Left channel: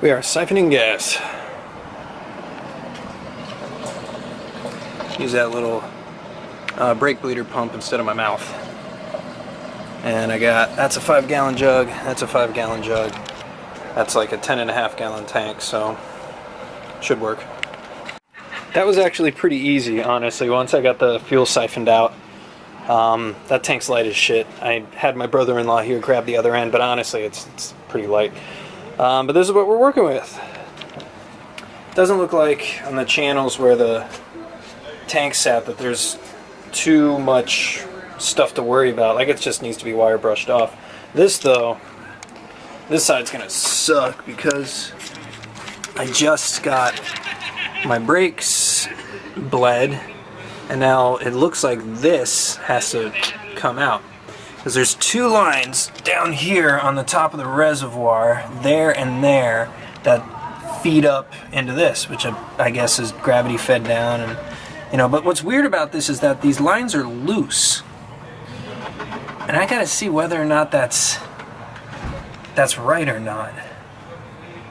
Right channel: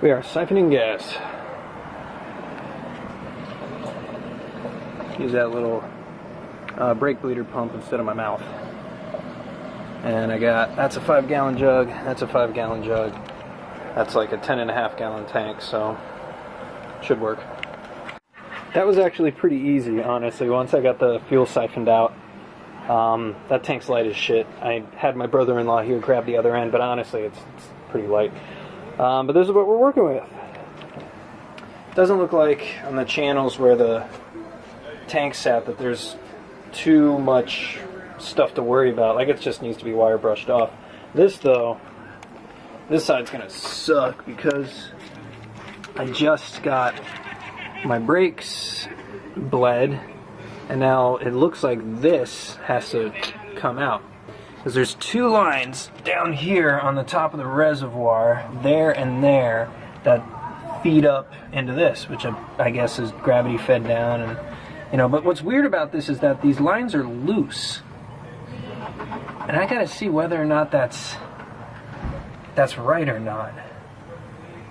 We are siphoning gas. Use that little brake bleeder pump instead of my mouth. And I got, that's a 5-gallon jug, that's a 5-gallon jug. That's like a 10.5-gallon tank, so should work. That was actually pretty easy, honestly, once I got the fuel siphoned out. That tank's light as shit. I had my brother-in-law here grab the other end, but honestly, it's pretty light. But this is what we're working with. Doesn't look like on the channels where the tank's at that there's too much stuff to worry about. Like, it just needs to be wire brushed off. This, though, this side's gonna suck because I just got my brakes bled, and now it looks like this has to come out. Because there's 2 lines down here on the top of the reservoir, there and there, that feed up into this, which I guess is gravity fed down. And you know, but what's weird about this is that these lines are loose, and I gotta see whether or not that's right or not,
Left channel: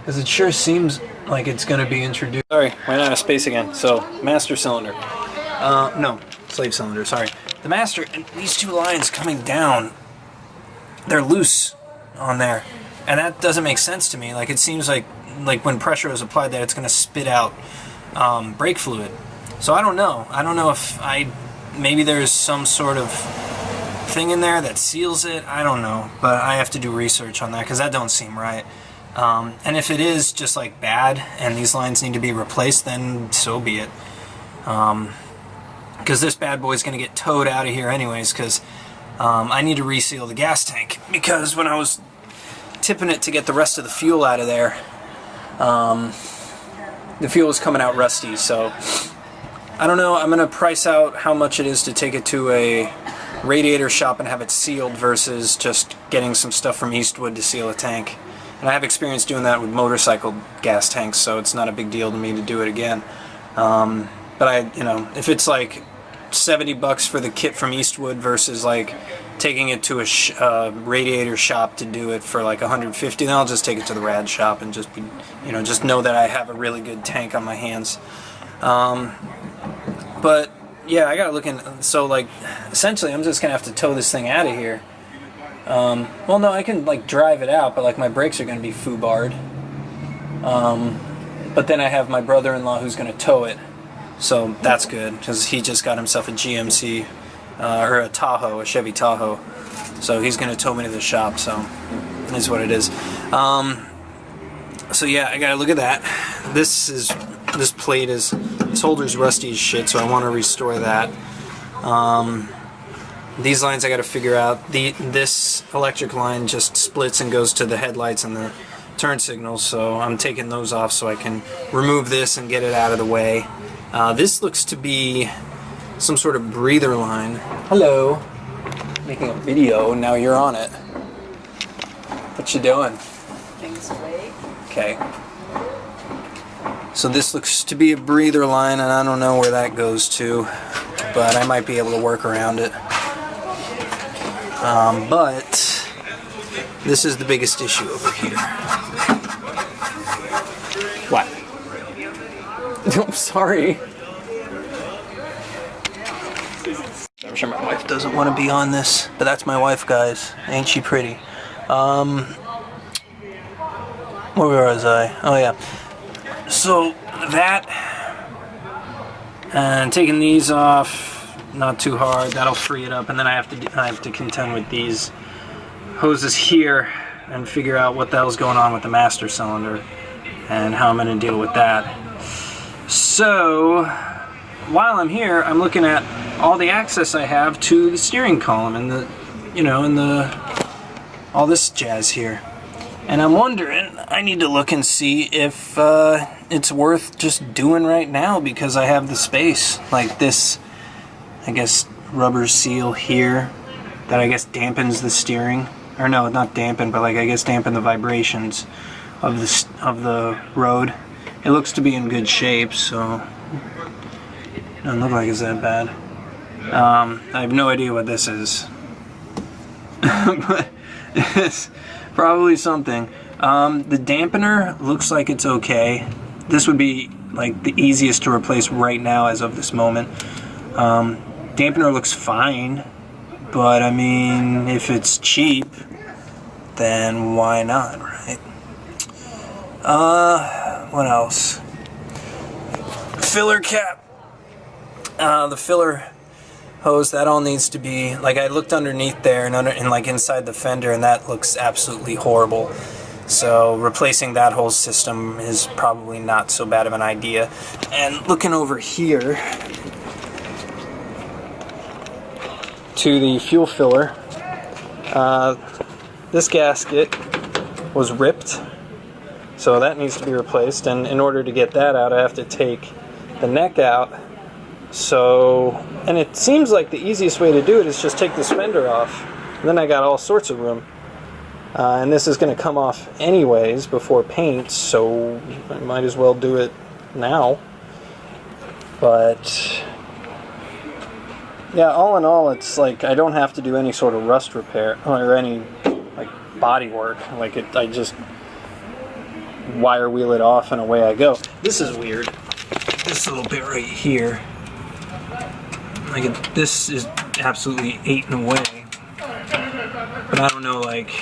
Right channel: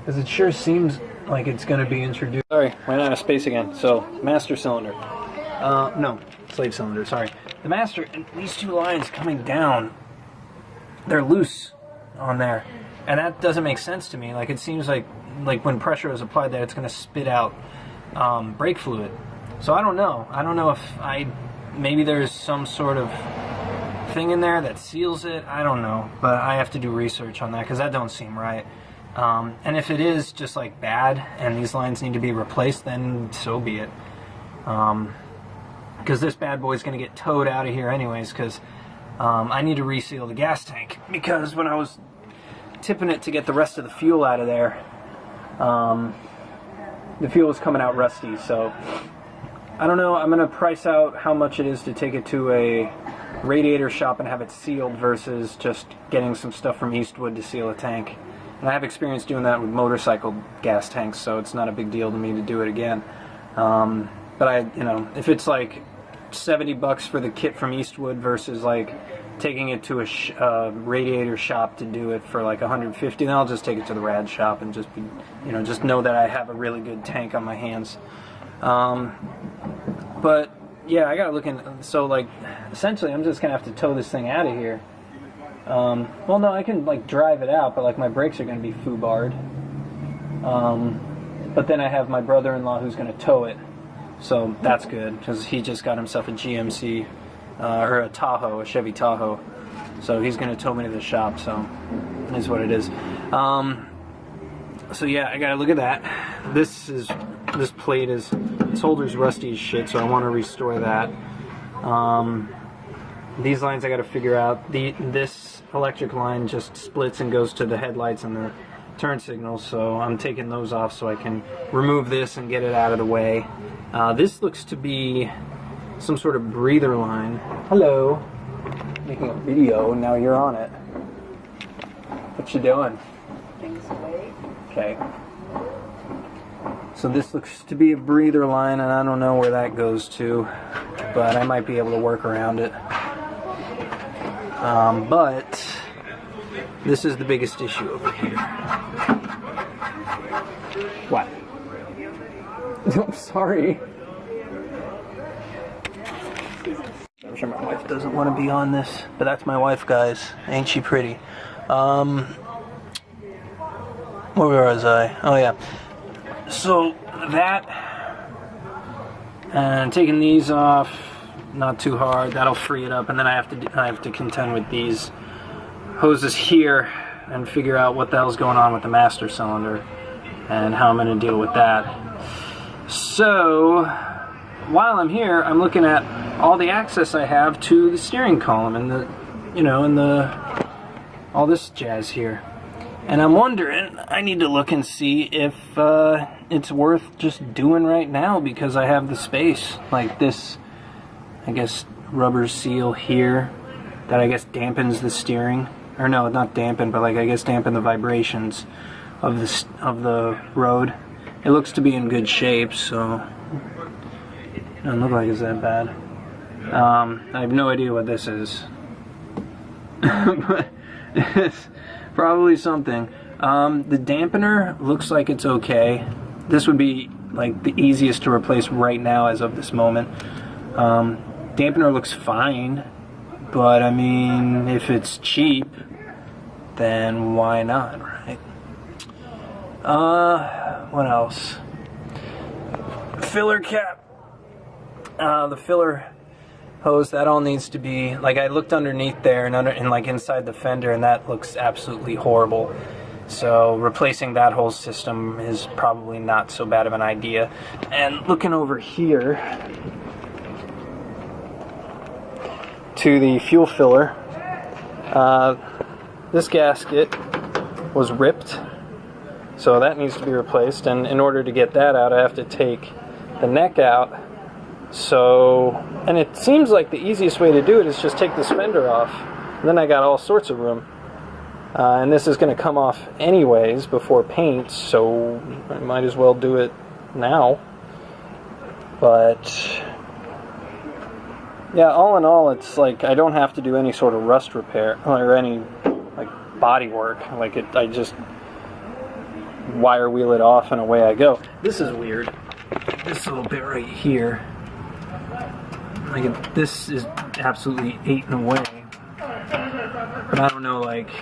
because it sure seems like it's gonna be introduced. Sorry, ran out of space again. So master cylinder, no, slave cylinder. Sorry. The master, these 2 lines coming down, they're loose on there, and that doesn't make sense to me. Like, it seems like when pressure is applied that it's going to spit out brake fluid. So I don't know. I don't know if maybe there's some sort of thing in there that seals it. I don't know, but I have to do research on that because that don't seem right. And if it is just like bad and these lines need to be replaced, then so be it. Because this bad boy's going to get towed out of here anyways, because I need to reseal the gas tank, because when I was tipping it to get the rest of the fuel out of there, the fuel was coming out rusty. So I don't know, I'm going to price out how much it is to take it to a radiator shop and have it sealed versus just getting some stuff from Eastwood to seal a tank. And I have experience doing that with motorcycle gas tanks, so it's not a big deal to me to do it again. But you know, if it's like $70 for the kit from Eastwood versus like taking it to a radiator shop to do it for like $150, then I'll just take it to the rad shop and just be, you know, just know that I have a really good tank on my hands. But yeah, I gotta look in. So like, essentially, I'm just gonna have to tow this thing out of here. Well, no, I can like drive it out, but like my brakes are gonna be foobarred. But then I have my brother-in-law who's gonna tow it. So that's good, because he just got himself a GMC, or a Tahoe, a Chevy Tahoe. So he's going to tow me to the shop, so it is what it is. So yeah, I got to look at that. This plate is, this holder's rusty as shit, so I want to restore that. These lines I got to figure out. This electric line just splits and goes to the headlights and the turn signals, so I'm taking those off so I can remove this and get it out of the way. This looks to be some sort of breather line. Hello. Making a video, now you're on it. What you doing? Things away. Okay. So this looks to be a breather line, and I don't know where that goes to, but I might be able to work around it. But this is the biggest issue over here. What? I'm sorry. I'm sure my wife doesn't want to be on this, but that's my wife, guys. Ain't she pretty? Where was I? Oh yeah. So that, and taking these off, not too hard. That'll free it up, and then I have to contend with these hoses here and figure out what the hell's going on with the master cylinder and how I'm going to deal with that. So while I'm here, I'm looking at all the access I have to the steering column and the, you know, and all this jazz here. And I'm wondering, I need to look and see if it's worth just doing right now, because I have the space. Like this, I guess, rubber seal here that I guess dampens the steering. Or no, not dampen, but like I guess dampen the vibrations of the road. It looks to be in good shape, so it doesn't look like it's that bad. I have no idea what this is, but it's probably something. The dampener looks like it's okay. This would be like the easiest to replace right now as of this moment. Dampener looks fine, but I mean, if it's cheap, then why not, right? What else? Filler cap. The filler hose, that all needs to be, like, I looked underneath there and like inside the fender, and that looks absolutely horrible. So replacing that whole system is probably not so bad of an idea. And looking over here to the fuel filler, this gasket was ripped, so that needs to be replaced. And in order to get that out, I have to take the neck out. So, and it seems like the easiest way to do it is just take this fender off, and then I got all sorts of room. And this is going to come off anyways before paint, so I might as well do it now. But yeah, all in all, it's like I don't have to do any sort of rust repair or any like body work. Like I just wire wheel it off and away I go. This is weird. This little bit right here, like this is absolutely eaten away. But I don't know, like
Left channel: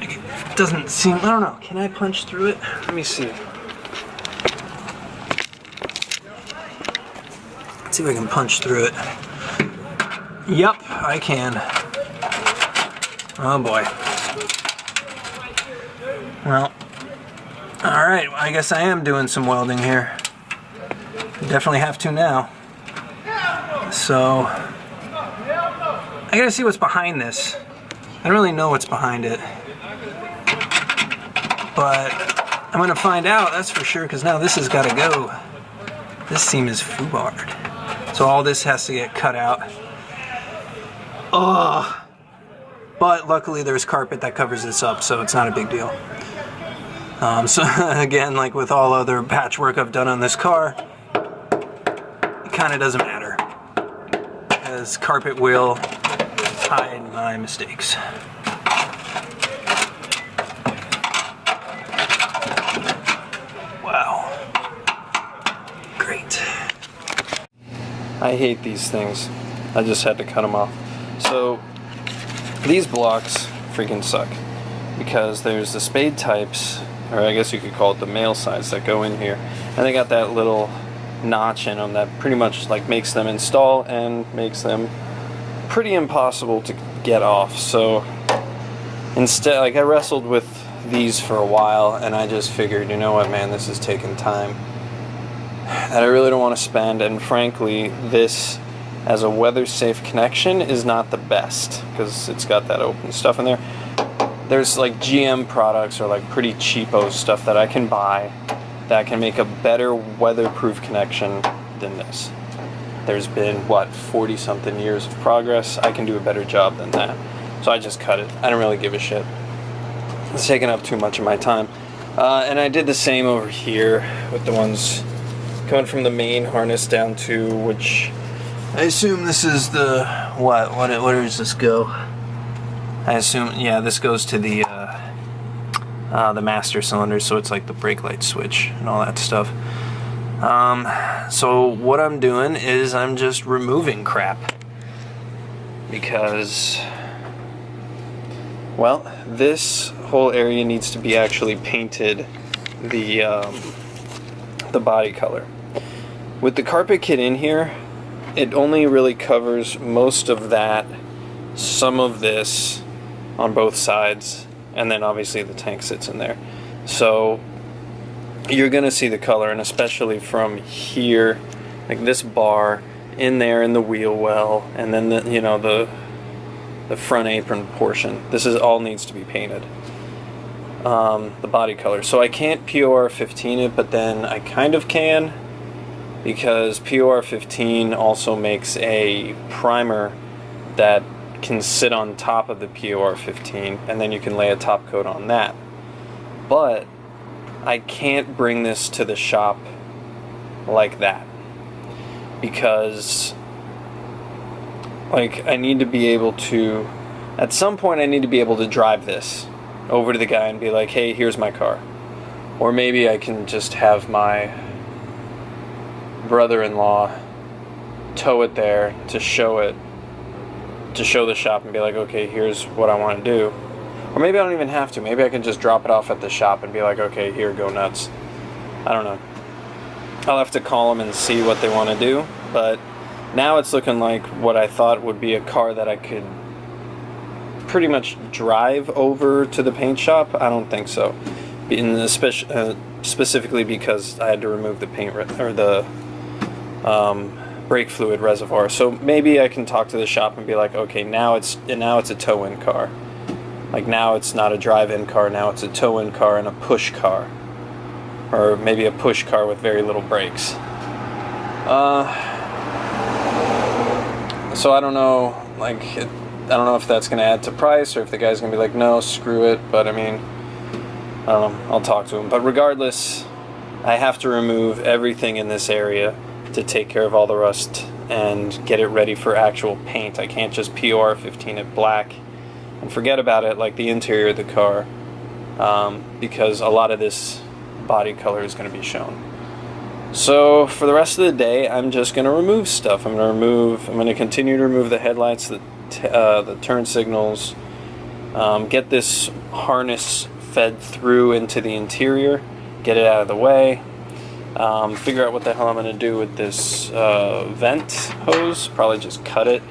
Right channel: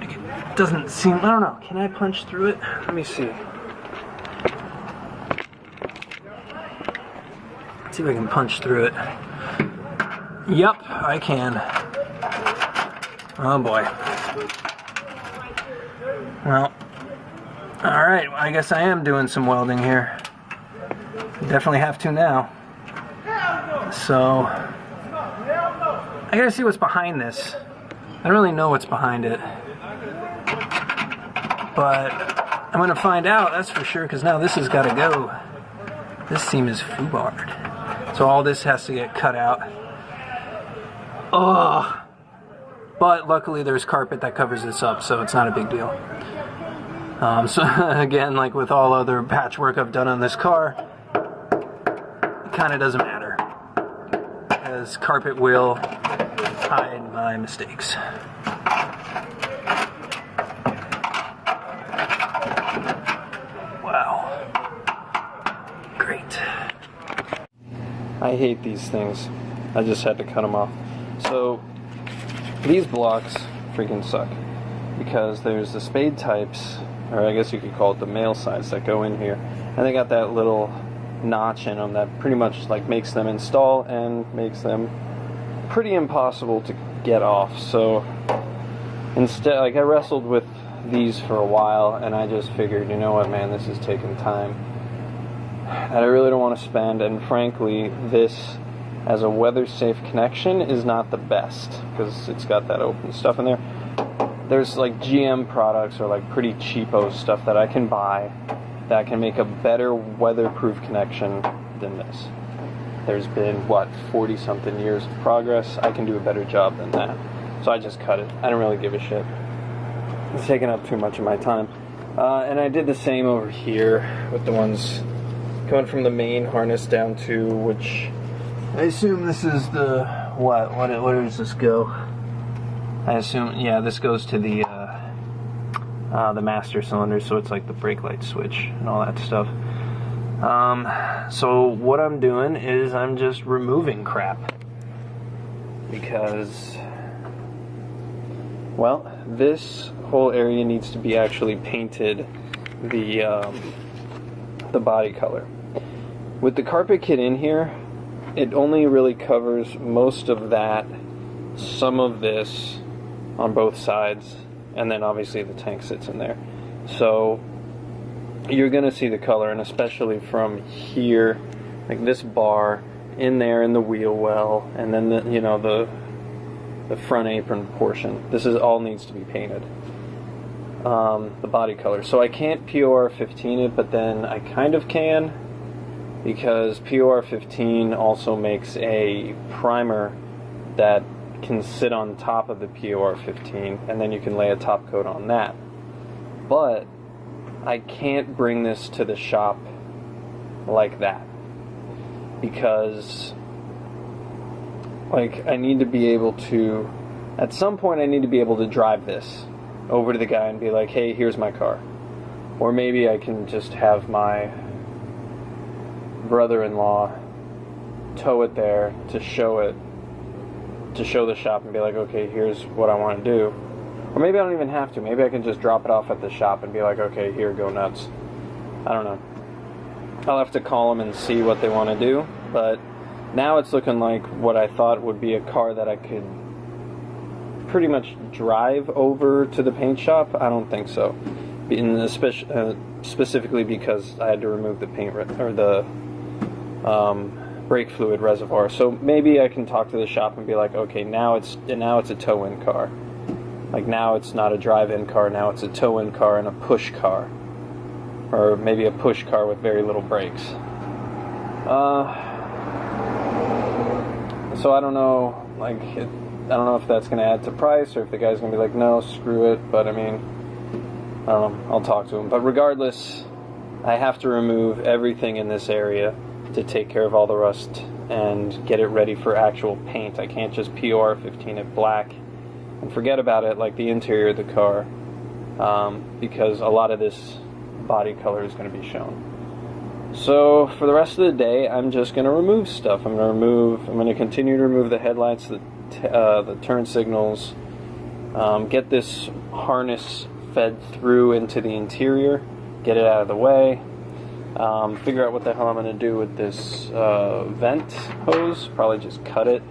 it doesn't seem, I don't know, can I punch through it? Let me see. Let's see if I can punch through it. Yep, I can. Oh boy. Well, alright, I guess I am doing some welding here. Definitely have to now. So, I gotta see what's behind this. I don't really know what's behind it. But I'm gonna find out, that's for sure, because now this has gotta go. This seam is foobarred. So all this has to get cut out. Ugh. But luckily there's carpet that covers this up, so it's not a big deal. So again, like with all other patchwork I've done on this car, it kind of doesn't matter, as carpet will hide my mistakes. Wow. Great. I hate these things. I just had to cut them off. So these blocks freaking suck, because there's the spade types, or I guess you could call it the male sides, that go in here, and they got that little notch in them that pretty much like makes them install and makes them pretty impossible to get off. So instead, like, I wrestled with these for a while, and I just figured, you know what, man, this is taking time that I really don't want to spend. And frankly, this as a weather safe connection is not the best, because it's got that open stuff in there. There's like GM products or like pretty cheapo stuff that I can buy that can make a better weatherproof connection than this. There's been, what, 40 something years of progress. I can do a better job than that. So I just cut it. I don't really give a shit. It's taking up too much of my time. And I did the same over here with the ones coming from the main harness down to, which I assume this is the, where does this go? I assume, yeah, this goes to the master cylinder, so it's like the brake light switch and all that stuff. So what I'm doing is I'm just removing crap, because, well, this whole area needs to be actually painted the body color. With the carpet kit in here, it only really covers most of that, some of this on both sides, and then obviously the tank sits in there. So you're gonna see the color, and especially from here, like this bar in there in the wheel well, and then the, you know, the front apron portion. This is all needs to be painted. The body color. So I can't POR 15 it, but then I kind of can, because POR 15 also makes a primer that can sit on top of the POR 15, and then you can lay a top coat on that. But I can't bring this to the shop like that, because like I need to be able to, at some point I need to be able to drive this over to the guy and be like, hey, here's my car. Or maybe I can just have my brother-in-law tow it there to show the shop and be like, okay, here's what I want to do. Or maybe I don't even have to. Maybe I can just drop it off at the shop and be like, okay, here, go nuts. I don't know. I'll have to call them and see what they want to do. But now it's looking like what I thought would be a car that I could pretty much drive over to the paint shop. I don't think so. Specifically because I had to remove the paint or the brake fluid reservoir. So maybe I can talk to the shop and be like, okay, now it's a tow-in car. Like now it's not a drive-in car, now it's a tow-in car and a push car. Or maybe a push car with very little brakes. So I don't know, like, I don't know if that's going to add to price or if the guy's going to be like, no, screw it. But I mean, I don't know, I'll talk to him. But regardless, I have to remove everything in this area to take care of all the rust and get it ready for actual paint. I can't just POR15 it black and forget about it like the interior of the car, because a lot of this body color is going to be shown. So for the rest of the day, I'm just going to remove stuff. I'm going to continue to remove the headlights, the turn signals, get this harness fed through into the interior, get it out of the way, figure out what the hell I'm going to do with this vent hose. Probably just cut it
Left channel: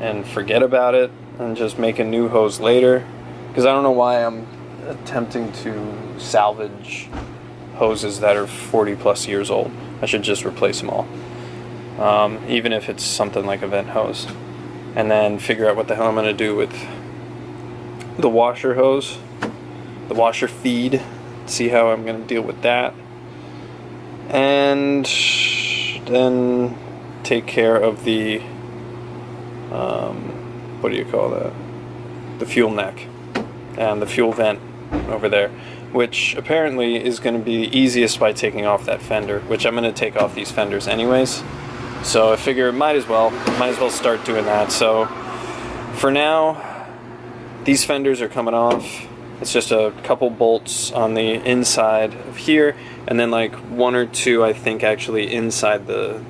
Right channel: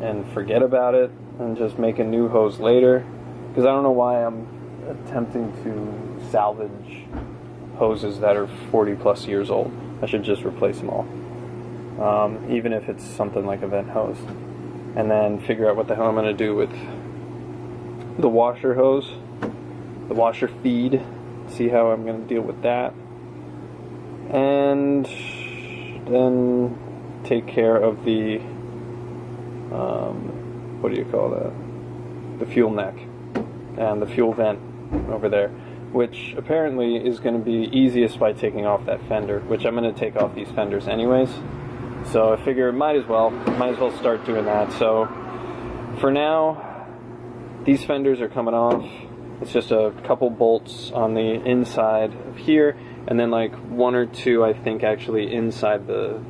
and forget about it and just make a new hose later, because I don't know why I'm attempting to salvage hoses that are 40 plus years old. I should just replace them all, even if it's something like a vent hose, and then figure out what the hell I'm going to do with the washer hose, the washer feed, see how I'm going to deal with that, and then take care of the what do you call that, the fuel neck and the fuel vent over there, which apparently is going to be easiest by taking off that fender, which I'm going to take off these fenders anyways. So I figure might as well start doing that. So for now, these fenders are coming off. It's just a couple bolts on the inside of here, and then like one or two, I think, actually inside the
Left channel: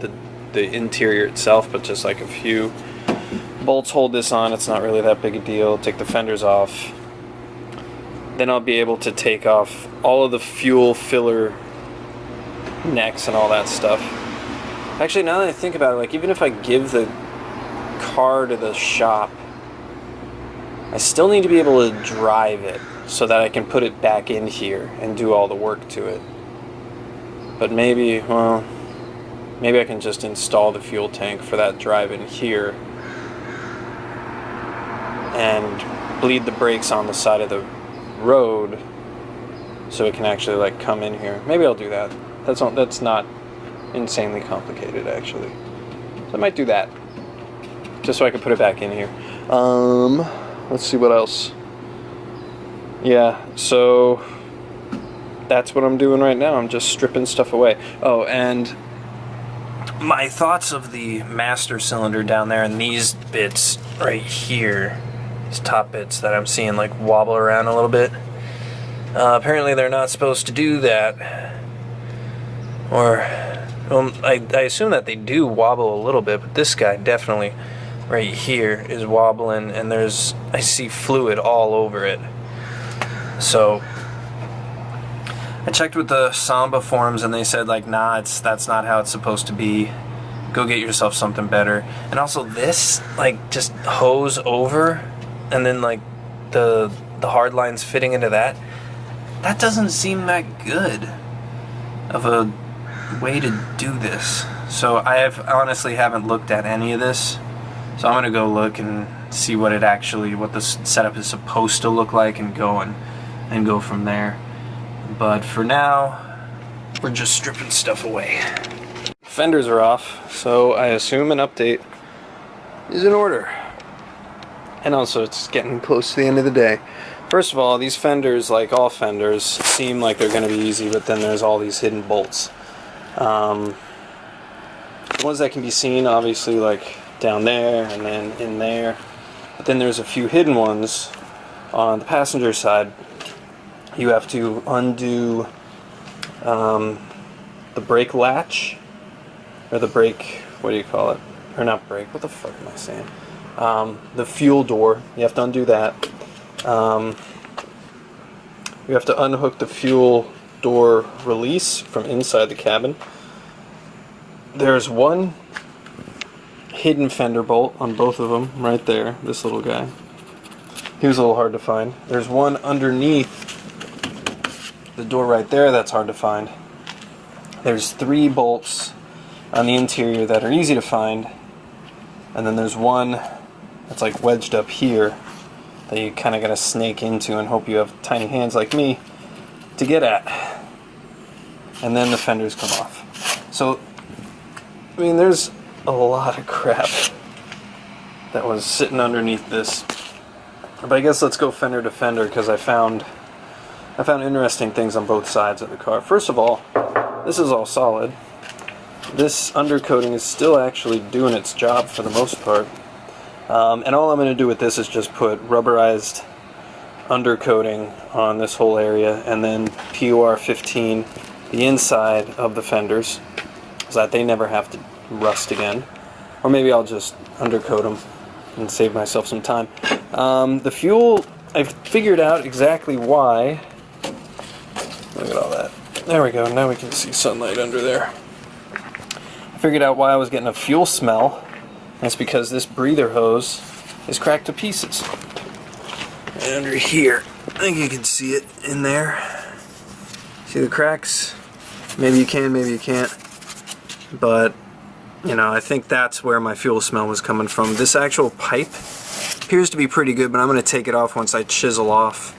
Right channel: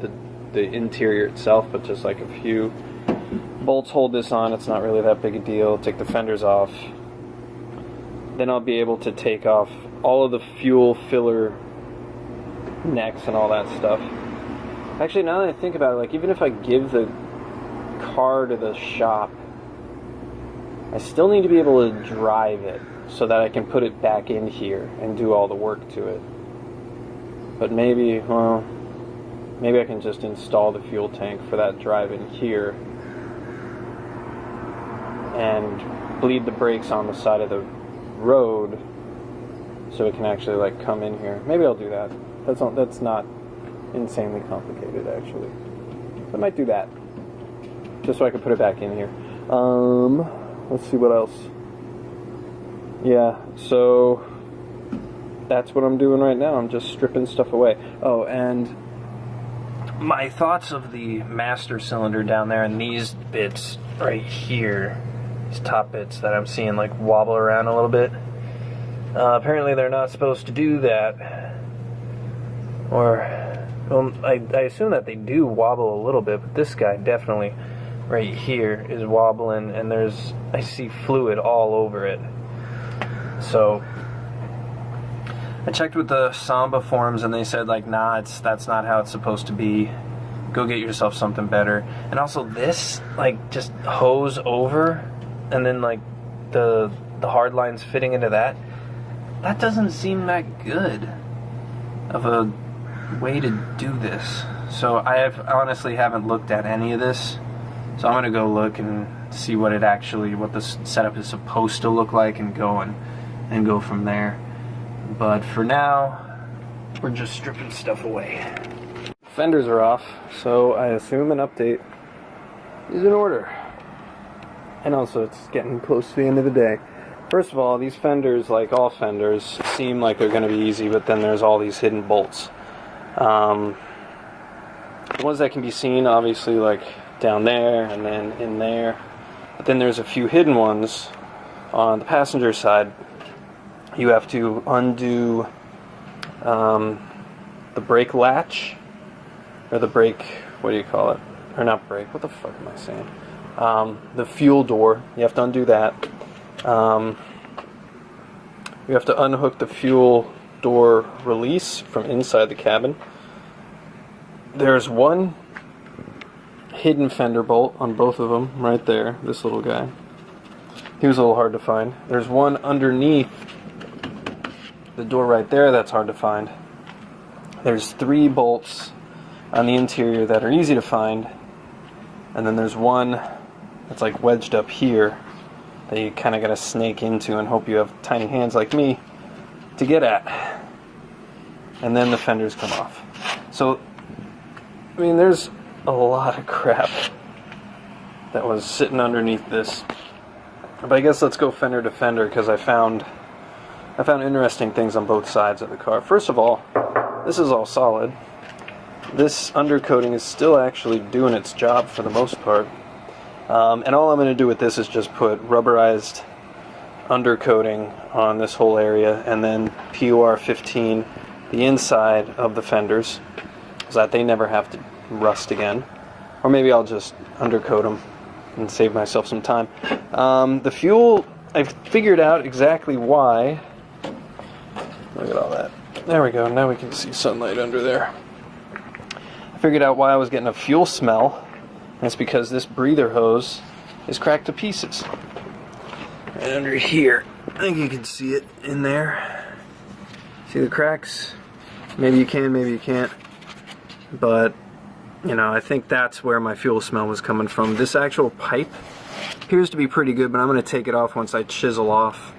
interior itself, but just like a few bolts hold this on. It's not really that big a deal. Take the fenders off. Then I'll be able to take off all of the fuel filler necks and all that stuff. Actually, now that I think about it, like even if I give the car to the shop, I still need to be able to drive it so that I can put it back in here and do all the work to it. But maybe I can just install the fuel tank for that drive in here and bleed the brakes on the side of the road so it can actually like come in here. Maybe I'll do that. That's not insanely complicated actually. So I might do that just so I can put it back in here. Let's see what else. Yeah, so that's what I'm doing right now. I'm just stripping stuff away. Oh, and my thoughts of the master cylinder down there and these bits right here, these top bits that I'm seeing like wobble around a little bit. Apparently they're not supposed to do that. Or, well, I assume that they do wobble a little bit, but this guy definitely right here is wobbling, and I see fluid all over it. So I checked with the Samba forums and they said like, nah, that's not how it's supposed to be. Go get yourself something better. And also this, like, just hose over and then like the hard lines fitting into that doesn't seem that good of a way to do this. So I honestly haven't looked at any of this. So I'm gonna go look and see what the setup is supposed to look like and go from there. But for now, we're just stripping stuff away. Fenders are off, so I assume an update is in order. And also, it's getting close to the end of the day. First of all, these fenders, like all fenders, seem like they're going to be easy, but then there's all these hidden bolts. The ones that can be seen, obviously, like down there and then in there. But then there's a few hidden ones On the passenger side, you have to undo the brake latch, or the brake, what do you call it? Or not brake, what the fuck am I saying? The fuel door, you have to undo that. You have to unhook the fuel door release from inside the cabin. There's one hidden fender bolt on both of them, right there, this little guy. He was a little hard to find. There's one underneath the door right there that's hard to find. There's 3 bolts on the interior that are easy to find, and then there's one that's like wedged up here that you kind of gotta snake into and hope you have tiny hands like me to get at. And then the fenders come off. So, I mean, there's a lot of crap that was sitting underneath this. But I guess let's go fender to fender, because I found interesting things on both sides of the car. First of all, this is all solid. This undercoating is still actually doing its job for the most part. And all I'm going to do with this is just put rubberized undercoating on this whole area, and then PUR 15 the inside of the fenders, so that they never have to rust again. Or maybe I'll just undercoat them and save myself some time. The fuel, I figured out exactly why. Look at all that. There we go, now we can see sunlight under there. I figured out why I was getting a fuel smell. And it's because this breather hose is cracked to pieces. And under here, I think you can see it in there. See the cracks? Maybe you can, maybe you can't. But, you know, I think that's where my fuel smell was coming from. This actual pipe appears to be pretty good, but I'm going to take it off once I chisel off.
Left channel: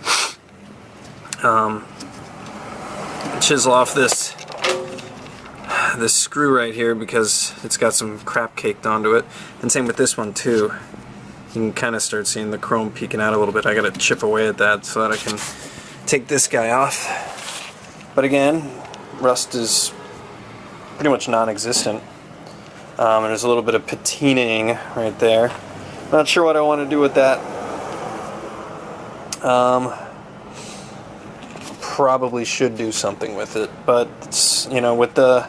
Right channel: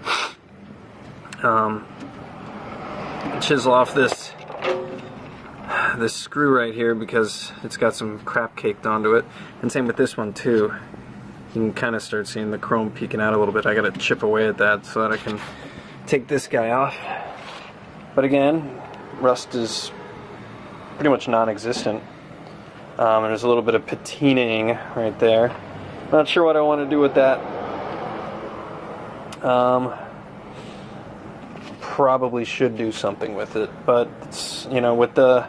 Chisel off this screw right here, because it's got some crap caked onto it. And same with this one too. You can kind of start seeing the chrome peeking out a little bit. I gotta chip away at that so that I can take this guy off. But again, rust is pretty much non-existent. There's a little bit of patinaing right there. Not sure what I want to do with that. Probably should do something with it, but it's, you know, with the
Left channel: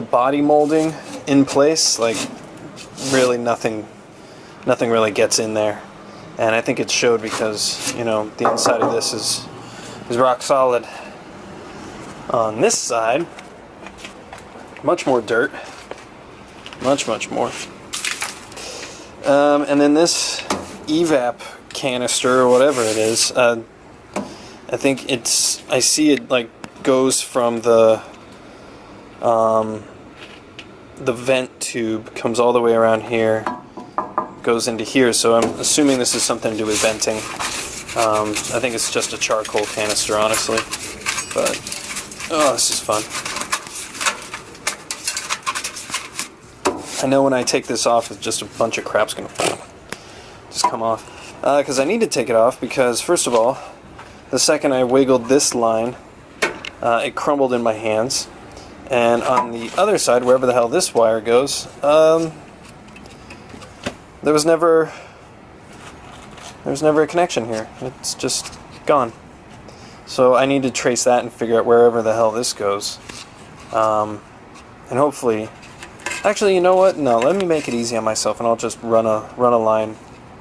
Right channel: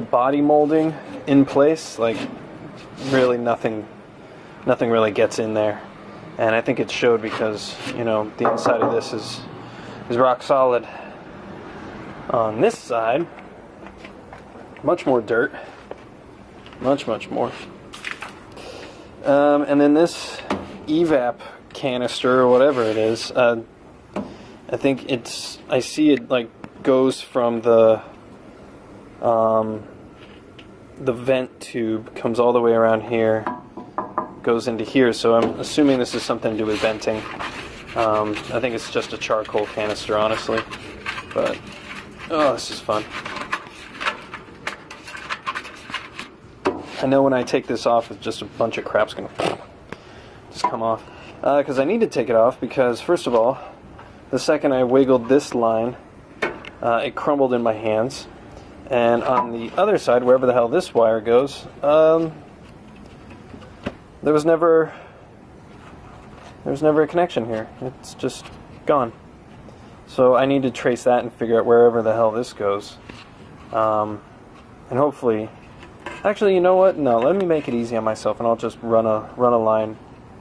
body molding in place, like, really nothing really gets in there. And I think it showed, because, you know, the inside of this is rock solid. On this side, much more dirt, much more. And then this evap canister or whatever it is, I think I see it like goes from the vent tube, comes all the way around here, goes into here, so I'm assuming this is something to do with venting. I think it's just a charcoal canister, honestly, but oh, this is fun. I know when I take this off, it's just a bunch of crap's gonna just come off. Because I need to take it off, because first of all, the second I wiggled this line, it crumbled in my hands. And on the other side, wherever the hell this wire goes, there was never a connection here. It's just gone. So I need to trace that and figure out wherever the hell this goes. And hopefully, actually, you know what? No, let me make it easy on myself, and I'll just run a line,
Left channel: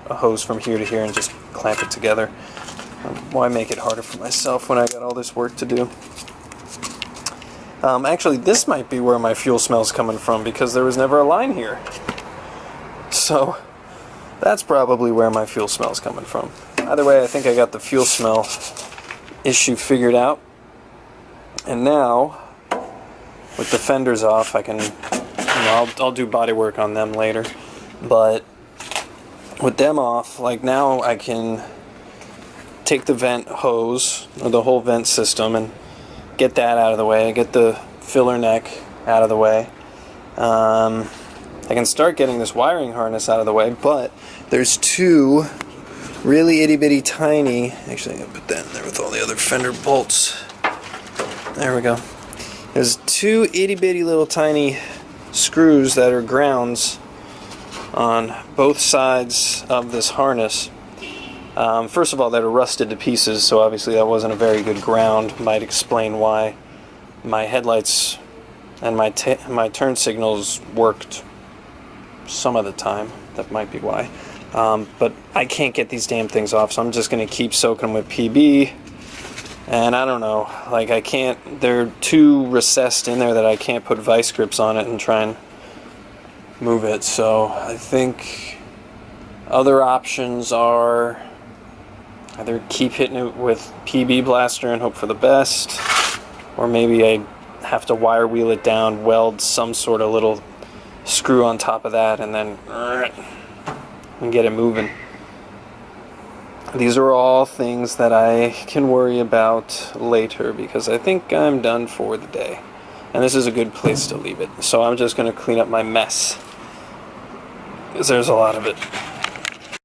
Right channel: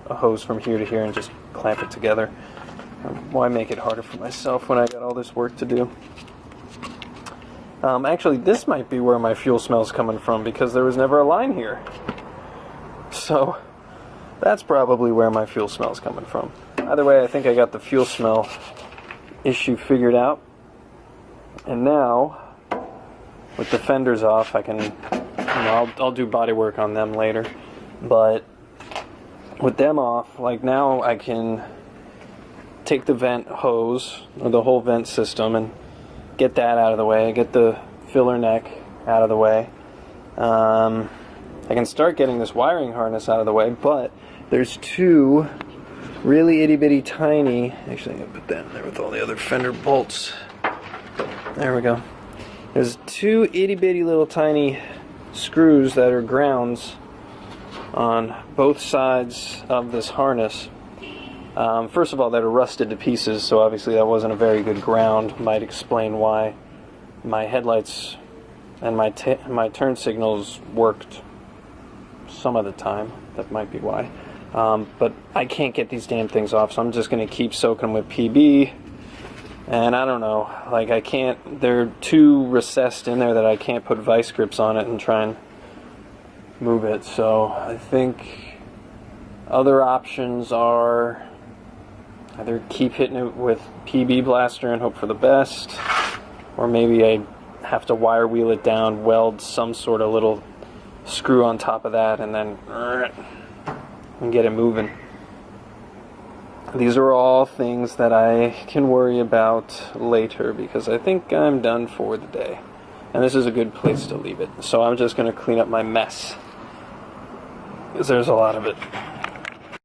a hose from here to here, and just clamp it together. Why make it harder for myself when I got all this work to do? Actually, this might be where my fuel smell's coming from, because there was never a line here. So that's probably where my fuel smell's coming from. Either way, I think I got the fuel smell issue figured out. And now, with the fenders off, I can, you know, I'll do body work on them later. But with them off, like, now I can take the vent hose, or the whole vent system, and get that out of the way, get the filler neck out of the way. I can start getting this wiring harness out of the way, but there's two really itty-bitty tiny, actually I'm going to put that in there with all the other fender bolts. There we go. There's two itty-bitty little tiny screws that are grounds on both sides of this harness. First of all, they're rusted to pieces, so obviously that wasn't a very good ground. Might explain why my headlights and my turn signals worked some of the time. That might be why. But I can't get these damn things off, so I'm just going to keep soaking them with PB. And I don't know, like I can't, they're too recessed in there that I can't put vice grips on it and try and move it. So I think other options are either keep hitting it with PB blaster and hope for the best, or maybe I have to wire wheel it down, weld some sort of little screw on top of that, and then and get it moving. These are all things that I can worry about later, because I think I'm done for the day. And this is a good place to leave it. So I'm just going to clean up my mess, because there's a lot of it.